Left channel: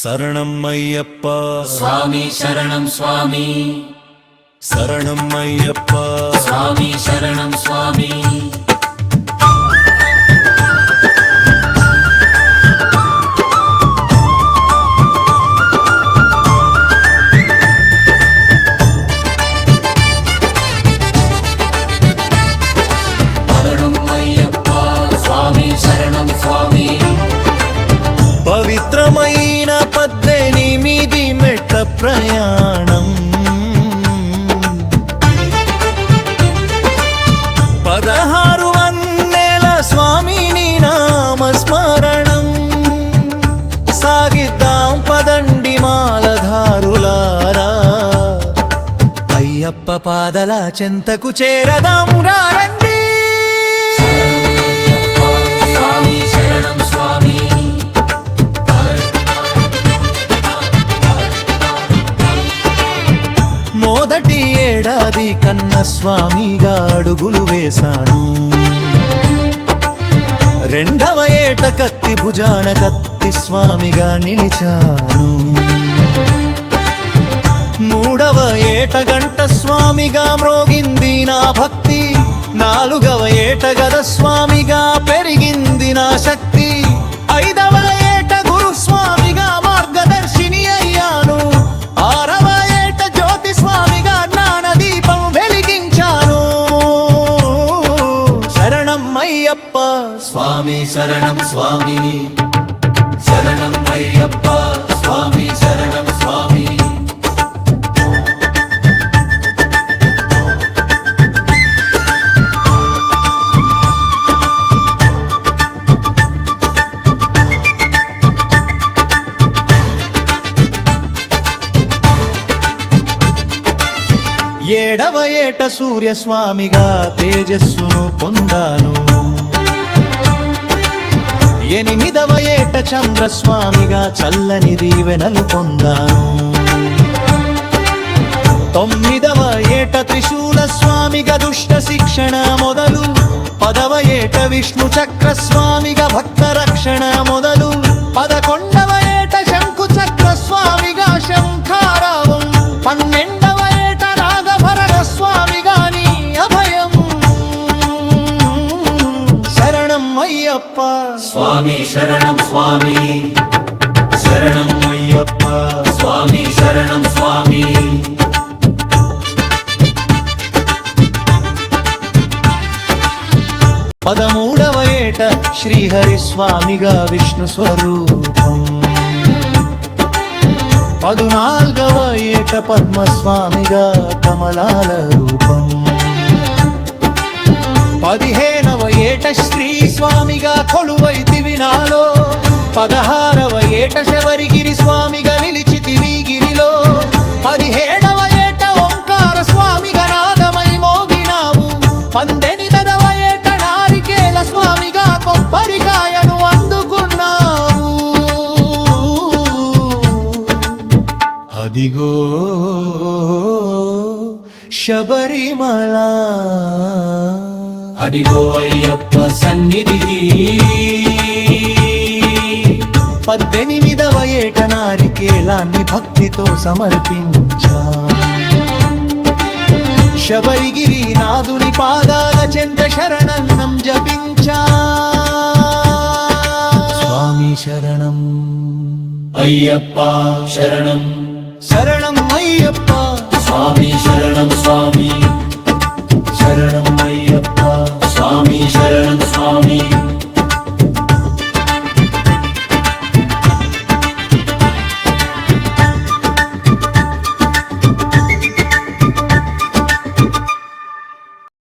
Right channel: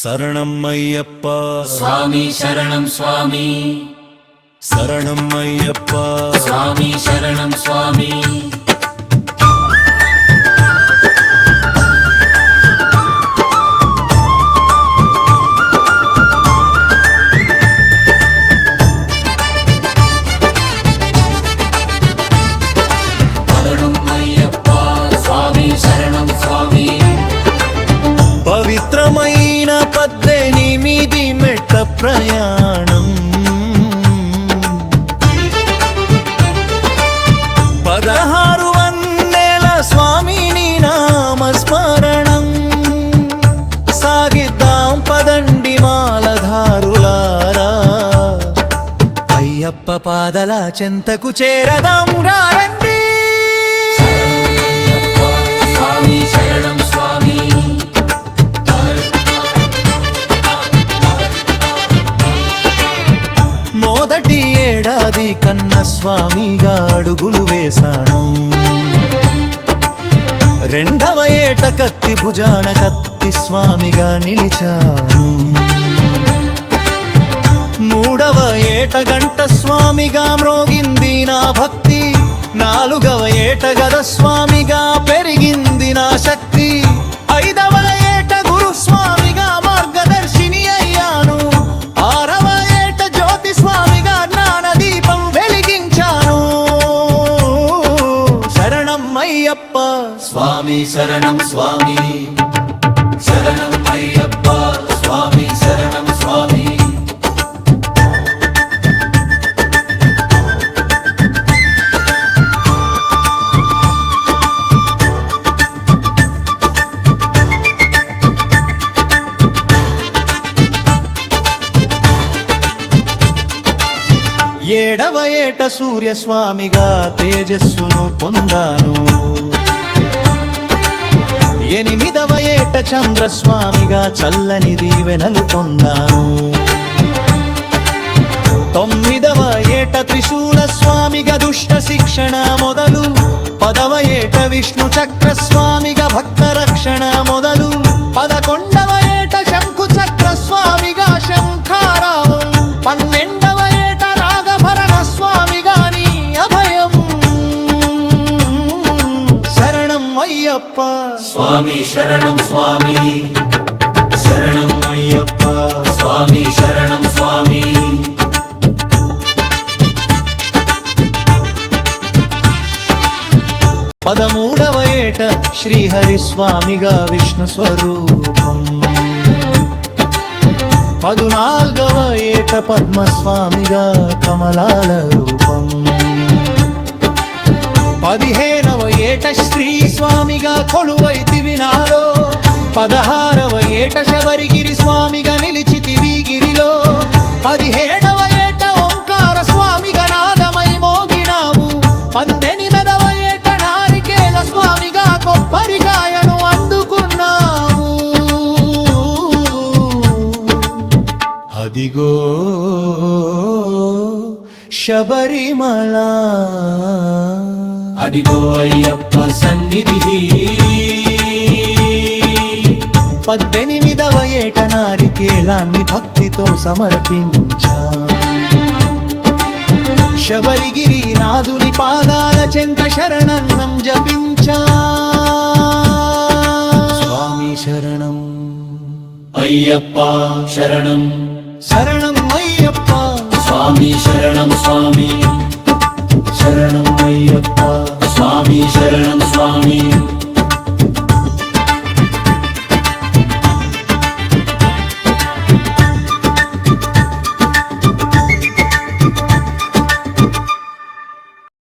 శరణం అయ్యప్ప స్వామి శరణం స్వామి శరణం అయ్యప్ప స్వామి శరణం స్వామి శరణం అయ్యప్ప స్వామి శరణం స్వామి పవిత్రమైన 18 మెట్ల ప్రయాణం 16 వన్నెల స్వామిని నామస్మరణం సాగిద్దాం పదండి మాలధారులారా అయ్యప్ప పాదల చెంతకు చేరదాం రండి స్వామి శరణం స్వామి మొదటి ఏడాది కన్న స్వామిగా అడుగులు వేశాను రెండవ ఏట కత్తి భుజాన కత్తి స్వామిగా నిలిచాను మూడవ ఏట గంట స్వామిగా మ్రోగింది నా భక్తి నాలుగవ ఏట గద స్వామిగా పెరిగింది నా శక్తి ఐదవ ఏట గురు స్వామిగా మార్గదర్శిని అయ్యాను ఆరవ ఏట జ్యోతి స్వామిగా జ్ఞానదీపం వెలిగించాను శరణం అయ్యప్ప స్వామి శరణం స్వామి శరణం అయ్యప్ప స్వామి శరణం స్వామి ఏడవ ఏట సూర్యస్వామిగా తేజస్సును పొందాను ఎనిమిదవ ఏట చంద్రస్వామిగా చల్లని దీవెనలు పొందాను తొమ్మిదవ ఏట త్రిశూల స్వామిగా దుష్ట శిక్షణ మొదలు పదవ ఏట విష్ణు చక్ర స్వామిగా భక్త రక్షణ మొదలు 11వ ఏట శంకు చక్ర స్వామిగా శంఖారావం 12వ ఏట నాగభరణ స్వామిగా నీ అభయం శరణం అయ్యప్ప స్వామి శరణం స్వామి శరణం అయ్యప్ప స్వామి శరణం స్వామి 13వ ఏట శ్రీహరి స్వామిగా విష్ణు స్వరూపం 14వ ఏట పద్మస్వామిగా కమలాల రూపం 15వ ఏట శ్రీ స్వామిగా కొలువైతివి నాలో 16వ ఏట శబరిగిరి స్వామిగా నిలిచితివి గిరిలో 17వ ఏట ఓంకార స్వామిగా నాదమై మోగినావు 18వ ఏట నారికేల స్వామిగా కొబ్బరికాయను అందుకున్నావు అదిగో శబరిమల అదిగో అయ్యప్ప సన్నిధి 18వ ఏట నారికేలాన్ని భక్తితో సమర్పించా శబరిగిరి నాదుని పాదాల చెంత శరణన్నం జపించా స్వామి శరణం అయ్యప్ప శరణం శరణం అయ్యప్ప స్వామి శరణం స్వామి